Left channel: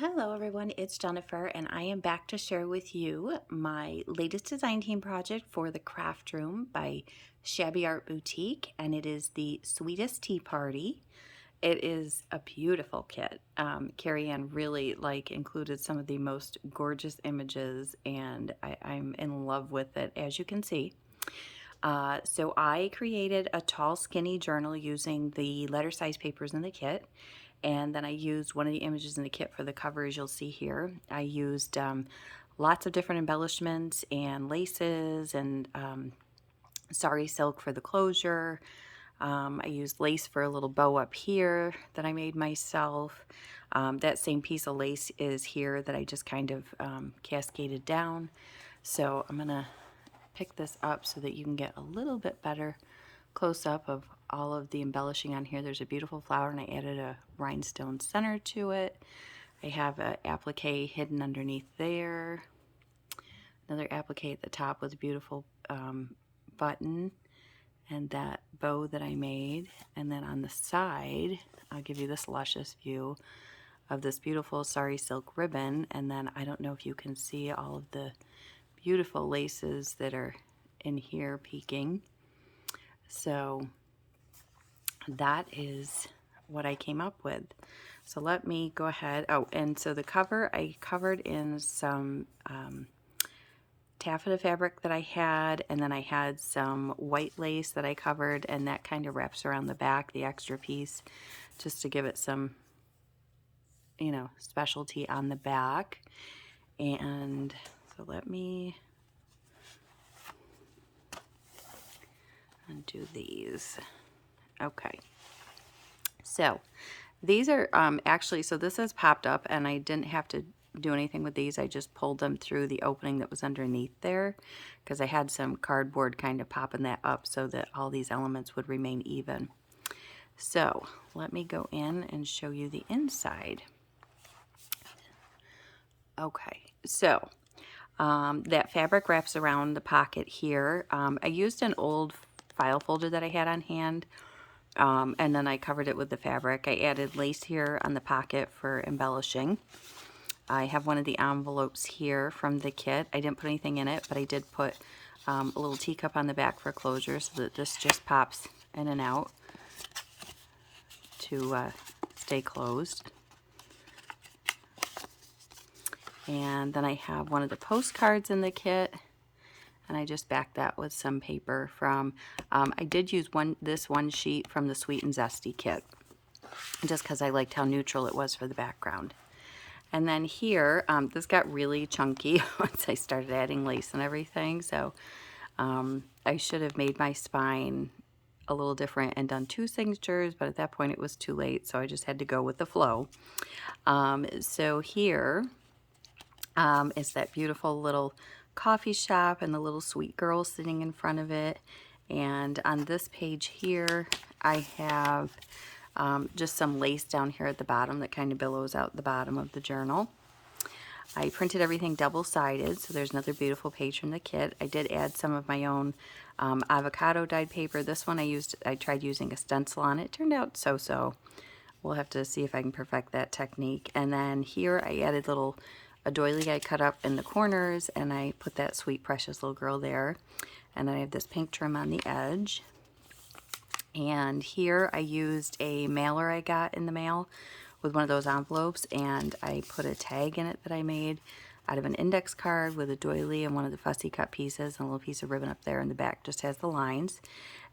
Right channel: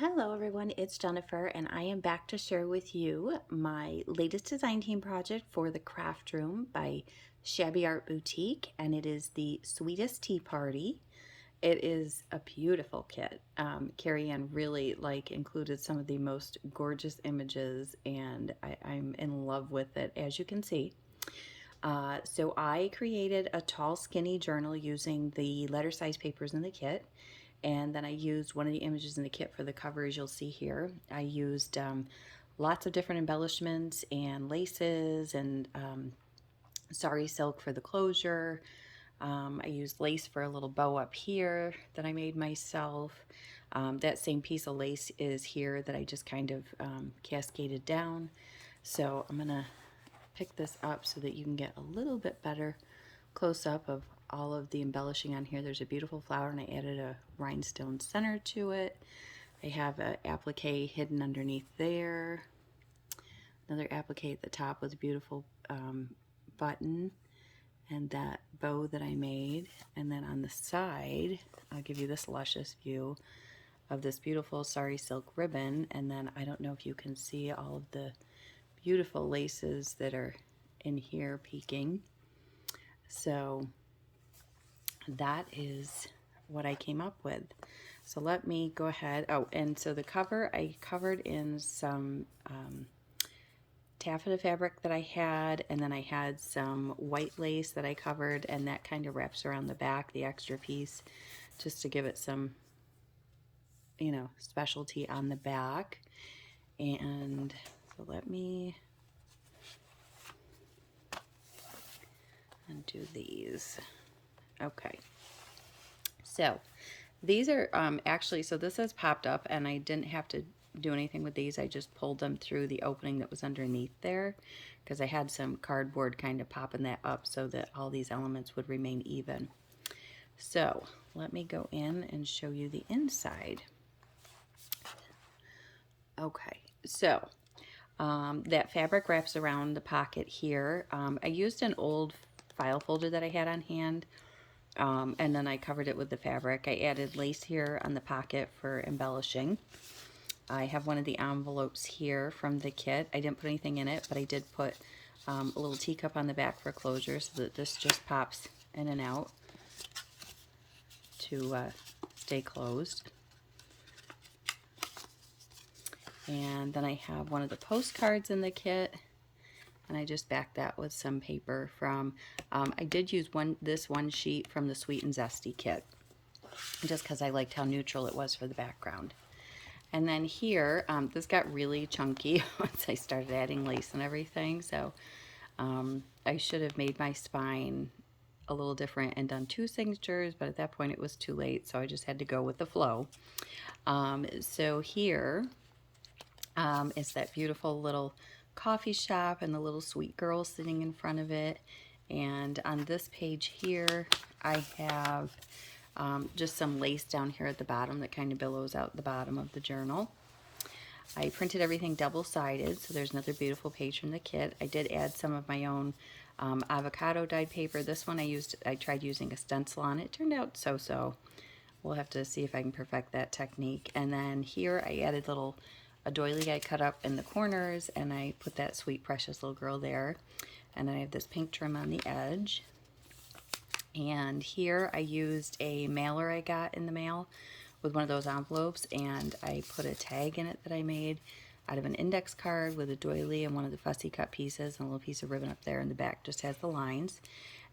Hello everyone, it's Jennifer and I am back to share with you my latest design team project for the craft room by Shabby Art Boutique, and it is the Sweetest Tea Party. It is a beautiful kit. Carrie Ann really included some of the most gorgeous images, and I'm in love with it, as you can see. So I created a tall skinny journal using the letter size papers in the kit. And then I used one of the images in the kit for the cover, as you'll see here. I used lots of different embellishments and laces and sari silk for the closure. I used lace for a little bow up here that I made myself. That same piece of lace is here that I just kind of cascaded down. So I'm going to pick this up so that you can get a little bit better close-up of all of the embellishing on here. There's a beautiful flower and I added a rhinestone center to it. I have an applique hidden underneath there. Another applique at the top with a beautiful button and that bow that I made. And then on the side, I'll give you this luscious view of this beautiful sari silk ribbon. And then I don't know if you can see all of the beautiful laces that are in here peeking. So that is what I came up with. So let me go ahead. Oh, and so the cover I covered in some taffeta fabric that I had, and then I had some white lace that I covered, and that kind of wraps around the back, the extra piece, just to give it some, you know, specialty on the back. And so let me undo these. Okay, so these are actually, so this has popped up and I didn't have to do anything with these. I just pulled them through the opening that was underneath there because I had some cardboard kind of popping that up so that all these elements would remain even. So let me go in and show you the inside. Okay, so that fabric wraps around the pocket here. I used an old file folder that I had on hand, and then I covered it with the fabric. I added lace here on the pocket for embellishing. I have one of the envelopes here from the kit. I didn't put anything in it, but I did put a little teacup on the back for closure so that this just pops in and out to stay closed. And then I have one of the postcards in the kit, and I just backed that with some paper from, I did use this one sheet from the Sweet and Zesty kit, just because I liked how neutral it was for the background. And then here, this got really chunky once I started adding lace and everything, so I should have made my spine a little different and done 2 signatures, but at that point it was too late, so I just had to go with the flow. So here is that beautiful little coffee shop and the little sweet girl sitting in front of it. And on this page here, I have just some lace down here at the bottom that kind of billows out the bottom of the journal. I printed everything double-sided, so there's another beautiful page from the kit. I did add some of my own avocado dyed paper. This one I tried using a stencil on it. It turned out so-so. We'll have to see if I can perfect that technique. And then here I added a doily I cut up in the corners, and I put that sweet precious little girl there. And then I have this pink trim on the edge. And here I used a mailer I got in the mail with one of those envelopes, and I put a tag in it that I made out of an index card with a doily and one of the fussy cut pieces, and a little piece of ribbon up there in the back just has the lines.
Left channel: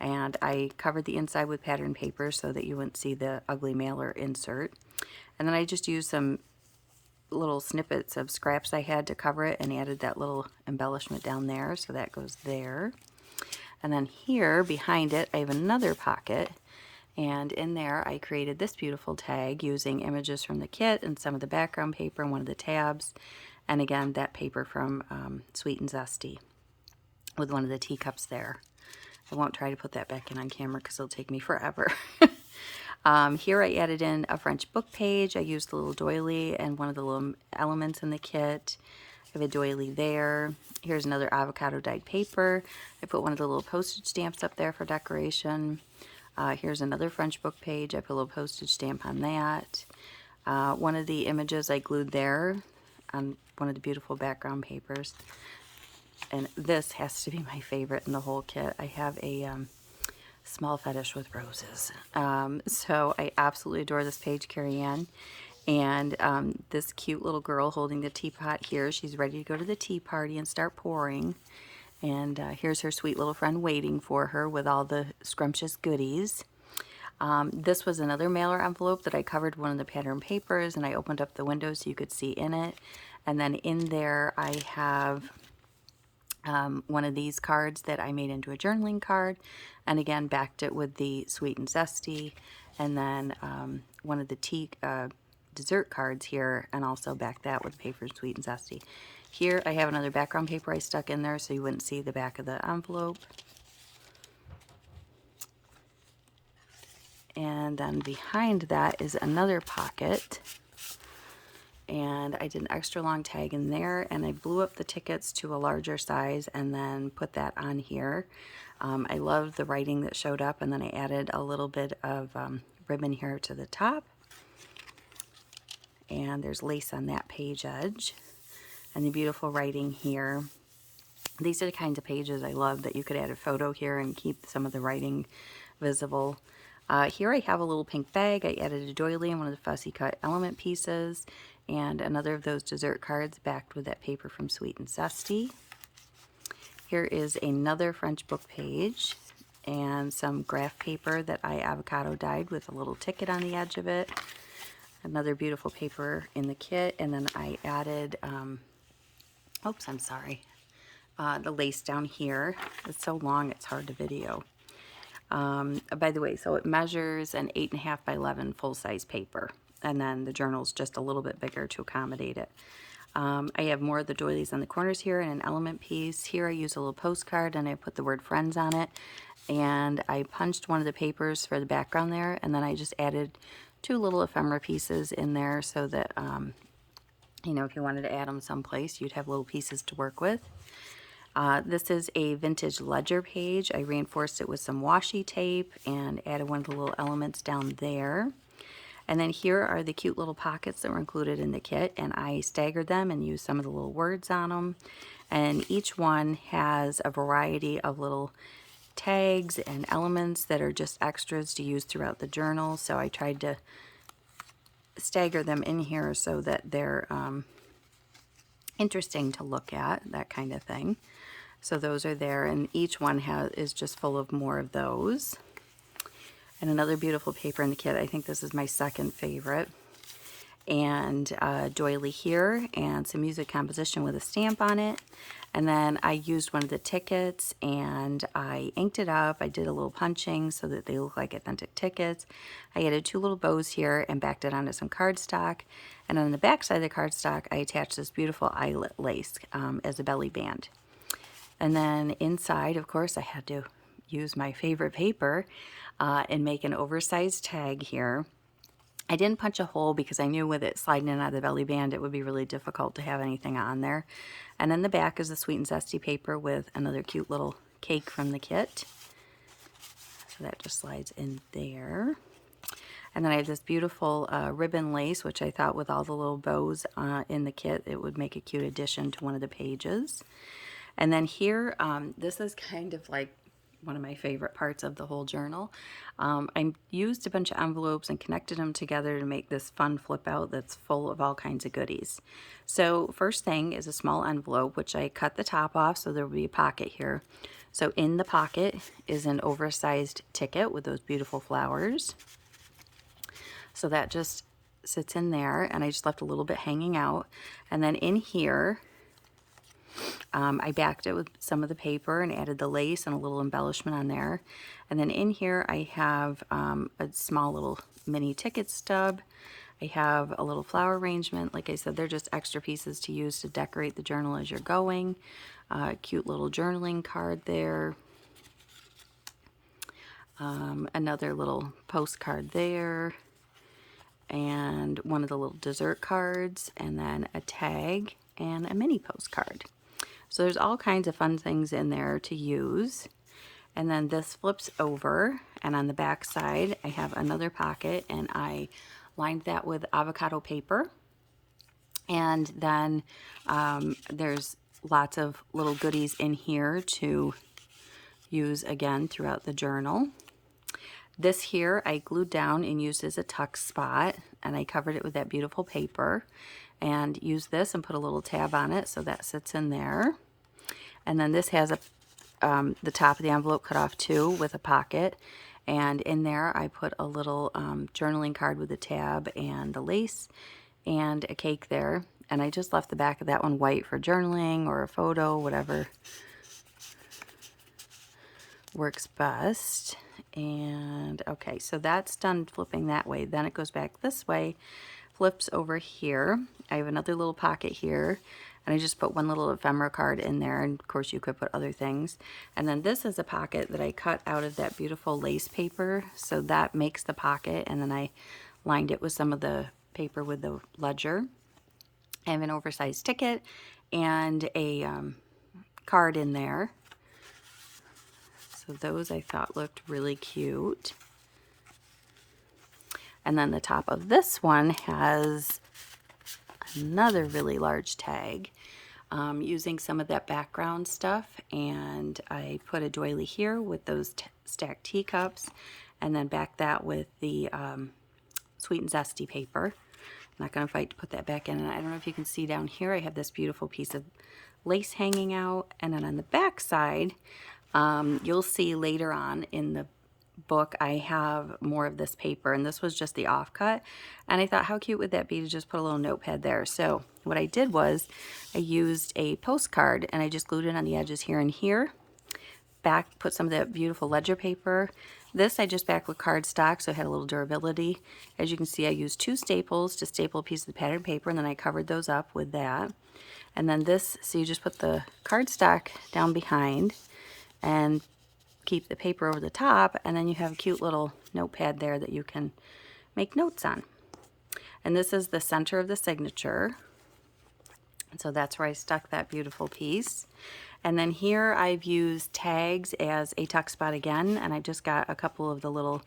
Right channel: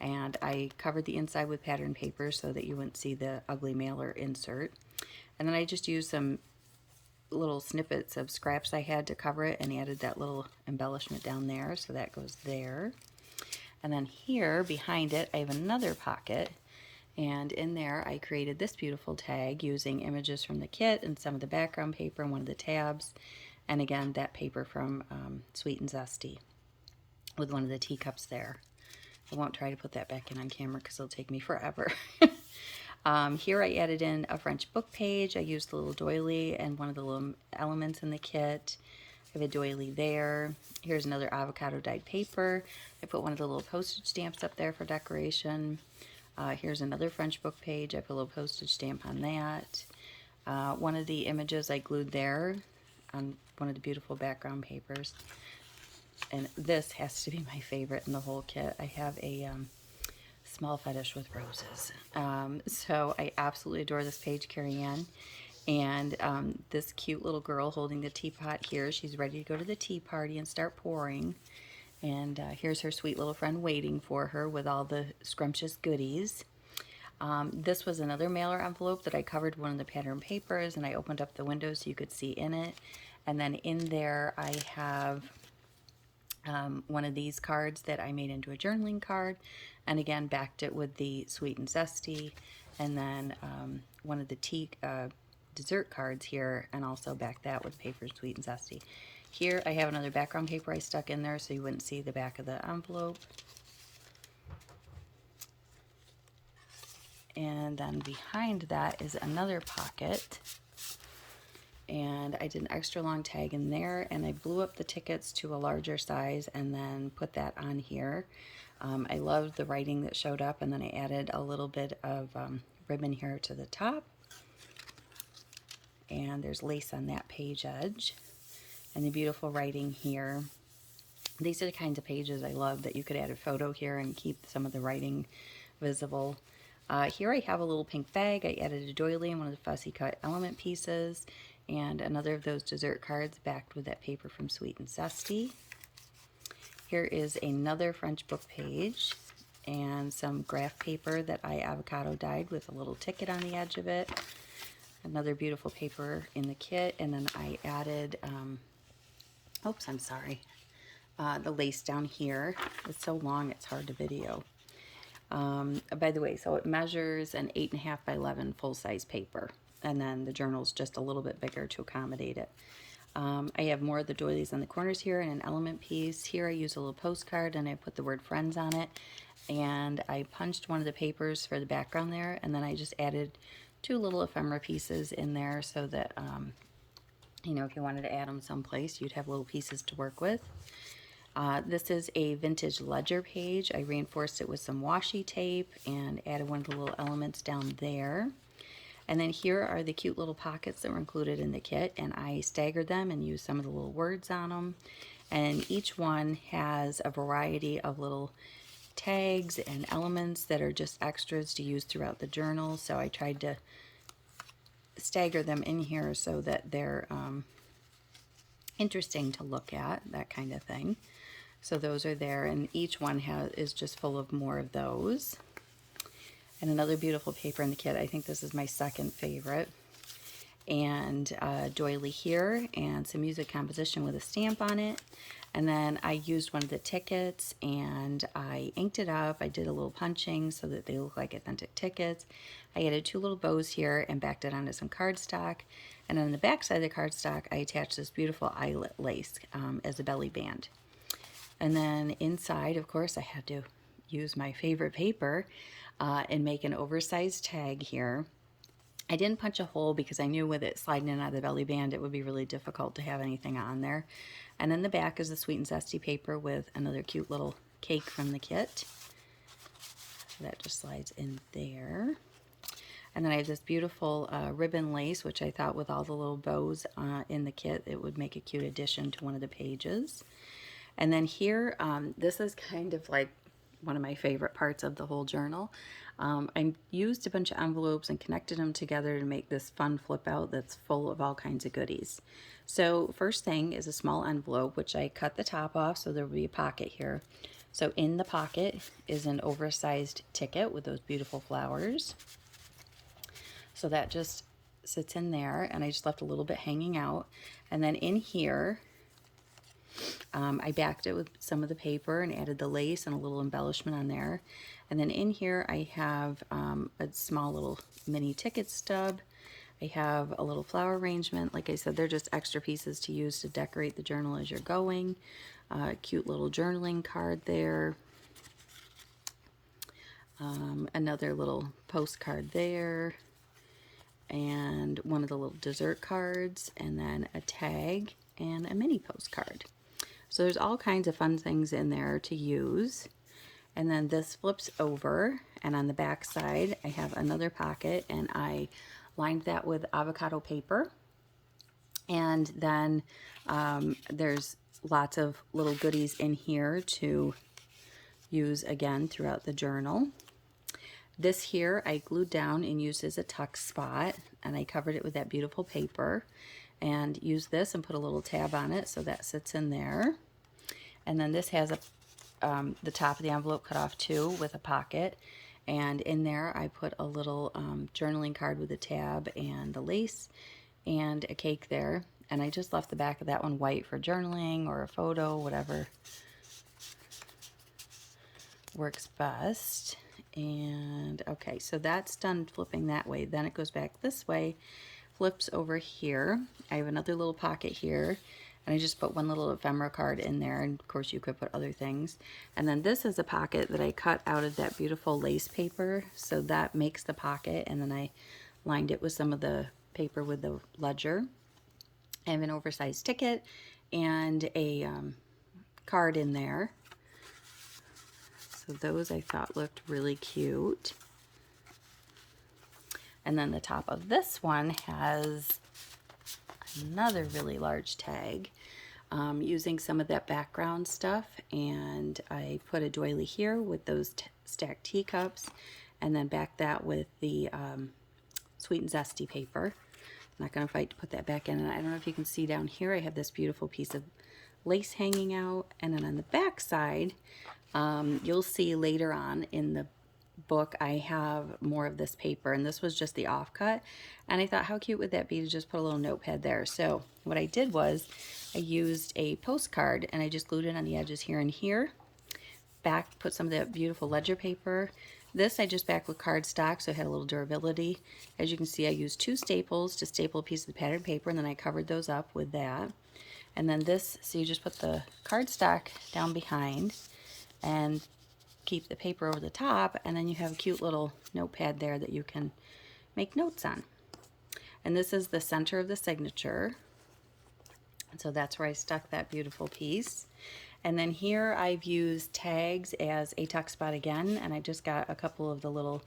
And I covered the inside with pattern paper so that you wouldn't see the ugly mailer insert. And then I just used some little snippets of scraps I had to cover it and added that little embellishment down there, so that goes there. And then here behind it I have another pocket, and in there I created this beautiful tag using images from the kit and some of the background paper and one of the tabs, and again that paper from Sweet and Zesty with one of the teacups there. I won't try to put that back in on camera because it'll take me forever. Here I added in a French book page. I used the little doily and one of the little elements in the kit. I have a doily there. Here's another avocado dyed paper. I put one of the little postage stamps up there for decoration. Here's another French book page. I put a little postage stamp on that. One of the images I glued there on one of the beautiful background papers. And this has to be my favorite in the whole kit. I have a small fetish with roses. So I absolutely adore this page, Carrie Ann. And this cute little girl holding the teapot here, she's ready to go to the tea party and start pouring. And here's her sweet little friend waiting for her with all the scrumptious goodies. This was another mailer envelope that I covered one of the pattern papers, and I opened up the window so you could see in it. And then in there I have one of these cards that I made into a journaling card, and again backed it with the Sweet and Zesty, and then one of the tea dessert cards here, and also backed that with paper Sweet and Zesty. Here I have another background paper I stuck in there so you wouldn't see the back of the envelope. And then behind that is another pocket. And I did an extra long tag in there, and I blew up the tickets to a larger size and then put that on here. I love the writing that showed up, and then I added a little bit of ribbon here to the top. And there's lace on that page edge. And the beautiful writing here. These are the kinds of pages I love, that you could add a photo here and keep some of the writing visible. Here I have a little pink bag. I added a doily and one of the fussy cut element pieces, and another of those dessert cards backed with that paper from Sweet and Zesty. Here is another French book page and some graph paper that I avocado dyed with a little ticket on the edge of it. Another beautiful paper in the kit, and then I added, oops, I'm sorry, the lace down here. It's so long it's hard to video. By the way, so it measures an 8.5 by 11 full-size paper, and then the journal's just a little bit bigger to accommodate it. I have more of the doilies on the corners here and an element piece. Here I use a little postcard, and I put the word friends on it, and I punched one of the papers for the background there, and then I just added 2 little ephemera pieces in there so that, you know, if you wanted to add them someplace, you'd have little pieces to work with. This is a vintage ledger page. I reinforced it with some washi tape and added one of the little elements down there. And then here are the cute little pockets that were included in the kit, and I staggered them and used some of the little words on them. And each one has a variety of little tags and elements that are just extras to use throughout the journal. So I tried to stagger them in here so that they're interesting to look at, that kind of thing. So those are there, and each one is just full of more of those. And another beautiful paper in the kit. I think this is my second favorite. And doily here, and some music composition with a stamp on it. And then I used one of the tickets, and I inked it up. I did a little punching so that they look like authentic tickets. I added 2 little bows here and backed it onto some cardstock. And on the back side of the cardstock, I attached this beautiful eyelet lace as a belly band. And then inside, of course, I had to use my favorite paper and make an oversized tag here. I didn't punch a hole because I knew with it sliding in out of the belly band, it would be really difficult to have anything on there. And then the back is the Sweet and Zesty paper with another cute little cake from the kit. So that just slides in there. And then I have this beautiful ribbon lace, which I thought with all the little bows in the kit, it would make a cute addition to one of the pages. And then here, this is kind of like one of my favorite parts of the whole journal. I used a bunch of envelopes and connected them together to make this fun flip out that's full of all kinds of goodies. So first thing is a small envelope, which I cut the top off so there will be a pocket here. So in the pocket is an oversized ticket with those beautiful flowers. So that just sits in there, and I just left a little bit hanging out. And then in here, I backed it with some of the paper and added the lace and a little embellishment on there. And then in here I have a small little mini ticket stub. I have a little flower arrangement. Like I said, they're just extra pieces to use to decorate the journal as you're going. Cute little journaling card there. Another little postcard there. And one of the little dessert cards, and then a tag and a mini postcard. So there's all kinds of fun things in there to use. And then this flips over, and on the back side I have another pocket, and I lined that with avocado paper. And then there's lots of little goodies in here to use again throughout the journal. This here I glued down and used as a tuck spot, and I covered it with that beautiful paper and used this and put a little tab on it so that sits in there. And then this has the top of the envelope cut off too with a pocket, and in there I put a little journaling card with a tab and the lace and a cake there, and I just left the back of that one white for journaling or a photo, whatever works best. And okay, so that's done flipping that way. Then it goes back this way, flips over here. I have another little pocket here, and I just put one little ephemera card in there, and of course you could put other things. And then this is a pocket that I cut out of that beautiful lace paper, so that makes the pocket, and then I lined it with some of the paper with the ledger. I have an oversized ticket and a card in there. So those I thought looked really cute. And then the top of this one has another really large tag using some of that background stuff. And I put a doily here with those stacked teacups, and then back that with the Sweet and Zesty paper. I'm not going to fight to put that back in. And I don't know if you can see down here, I have this beautiful piece of lace hanging out. And then on the back side, you'll see later on in the book, I have more of this paper, and this was just the offcut. And I thought, how cute would that be to just put a little notepad there? So what I did was I used a postcard, and I just glued it on the edges here and here. Back, put some of that beautiful ledger paper. This I just backed with cardstock, so it had a little durability. As you can see, I used 2 staples to staple a piece of the patterned paper, and then I covered those up with that. And then this, so you just put the cardstock down behind and keep the paper over the top, and then you have a cute little notepad there that you can make notes on. And this is the center of the signature, and so that's where I stuck that beautiful piece. And then here I've used tags as a tuck spot again, and I just got a couple of the little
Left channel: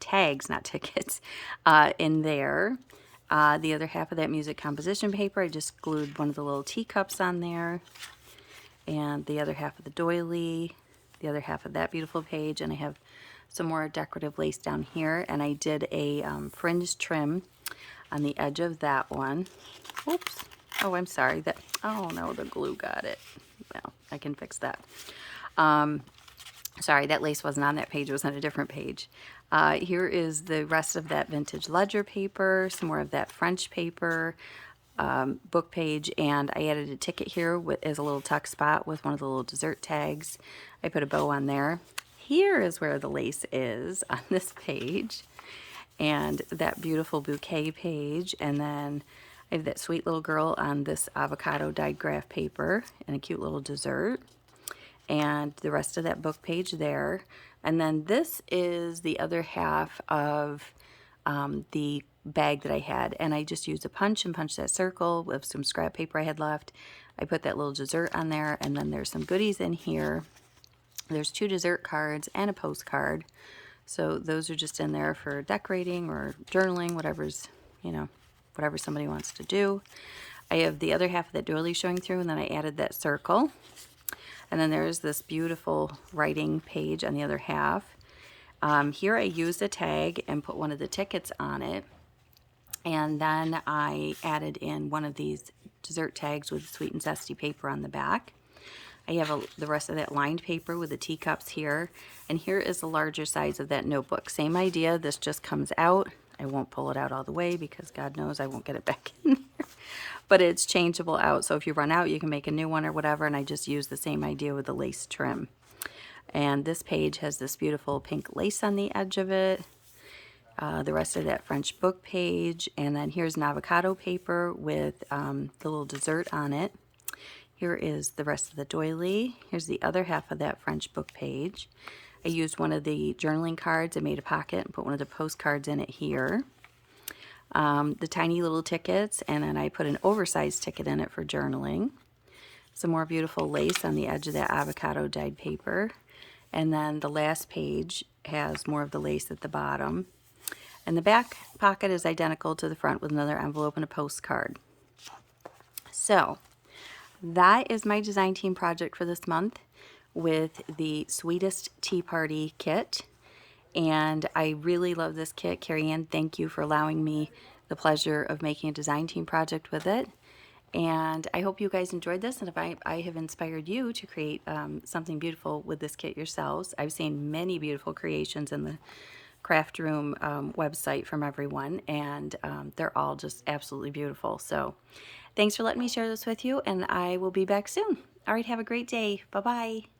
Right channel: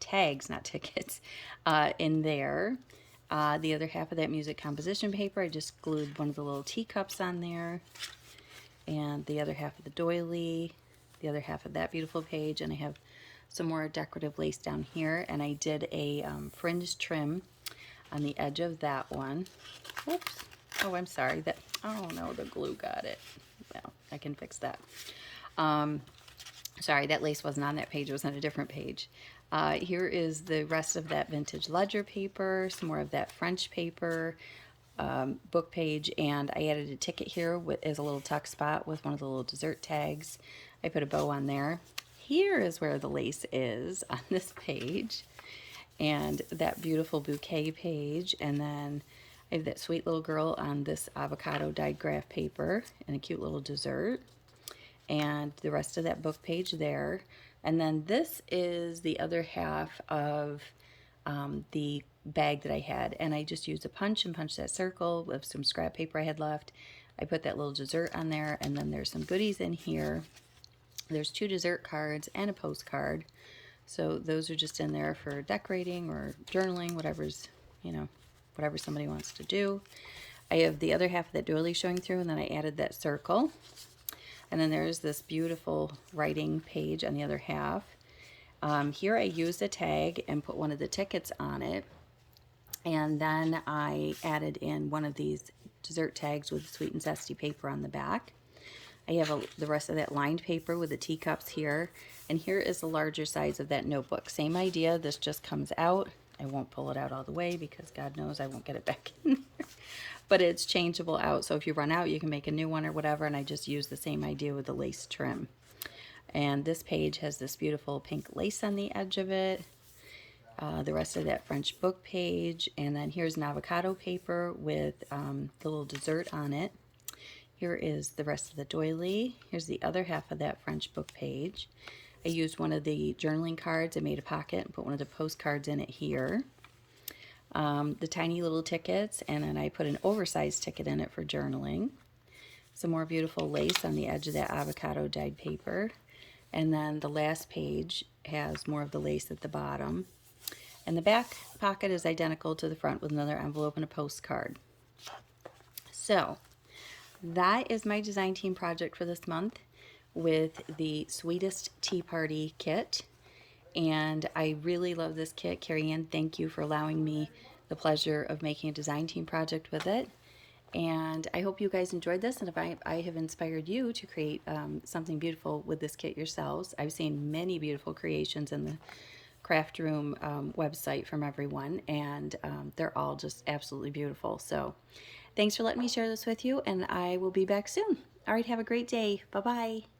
tags, not tickets, in there. The other half of that music composition paper, I just glued one of the little teacups on there, and the other half of the doily, the other half of that beautiful page, and I have some more decorative lace down here, and I did a fringe trim on the edge of that one. Oops. Oh, I'm sorry. Oh no, the glue got it. Well, I can fix that. Sorry, that lace wasn't on that page. It was on a different page. Here is the rest of that vintage ledger paper, some more of that French paper, book page, and I added a ticket here as a little tuck spot with one of the little dessert tags. I put a bow on there. Here is where the lace is on this page, and that beautiful bouquet page, and then I have that sweet little girl on this avocado dyed graph paper and a cute little dessert, and the rest of that book page there. And then this is the other half of the bag that I had, and I just used a punch and punched that circle with some scrap paper I had left. I put that little dessert on there, and then there's some goodies in here. There's 2 dessert cards and a postcard, so those are just in there for decorating or journaling, whatever's, you know, whatever somebody wants to do. I have the other half of that doily showing through, and then I added that circle. And then there's this beautiful writing page on the other half. Here I used a tag and put one of the tickets on it. And then I added in one of these dessert tags with Sweet and Zesty paper on the back. I have the rest of that lined paper with the teacups here. And here is the larger size of that notebook. Same idea, this just comes out. I won't pull it out all the way because God knows I won't get it back in there. But it's changeable out, so if you run out, you can make a new one or whatever, and I just use the same idea with the lace trim. And this page has this beautiful pink lace on the edge of it. The rest of that French book page, and then here's an avocado paper with the little dessert on it. Here is the rest of the doily. Here's the other half of that French book page. I used one of the journaling cards. I made a pocket and put one of the postcards in it here. The tiny little tickets, and then I put an oversized ticket in it for journaling. Some more beautiful lace on the edge of that avocado dyed paper. And then the last page has more of the lace at the bottom. And the back pocket is identical to the front with another envelope and a postcard. So that is my design team project for this month with the Sweetest Tea Party kit. And I really love this kit. Carrie Ann, thank you for allowing me the pleasure of making a design team project with it. And I hope you guys enjoyed this, and if I have inspired you to create something beautiful with this kit yourselves. I've seen many beautiful creations in the craft room website from everyone, and they're all just absolutely beautiful. So thanks for letting me share this with you, and I will be back soon. All right, have a great day. Bye-bye.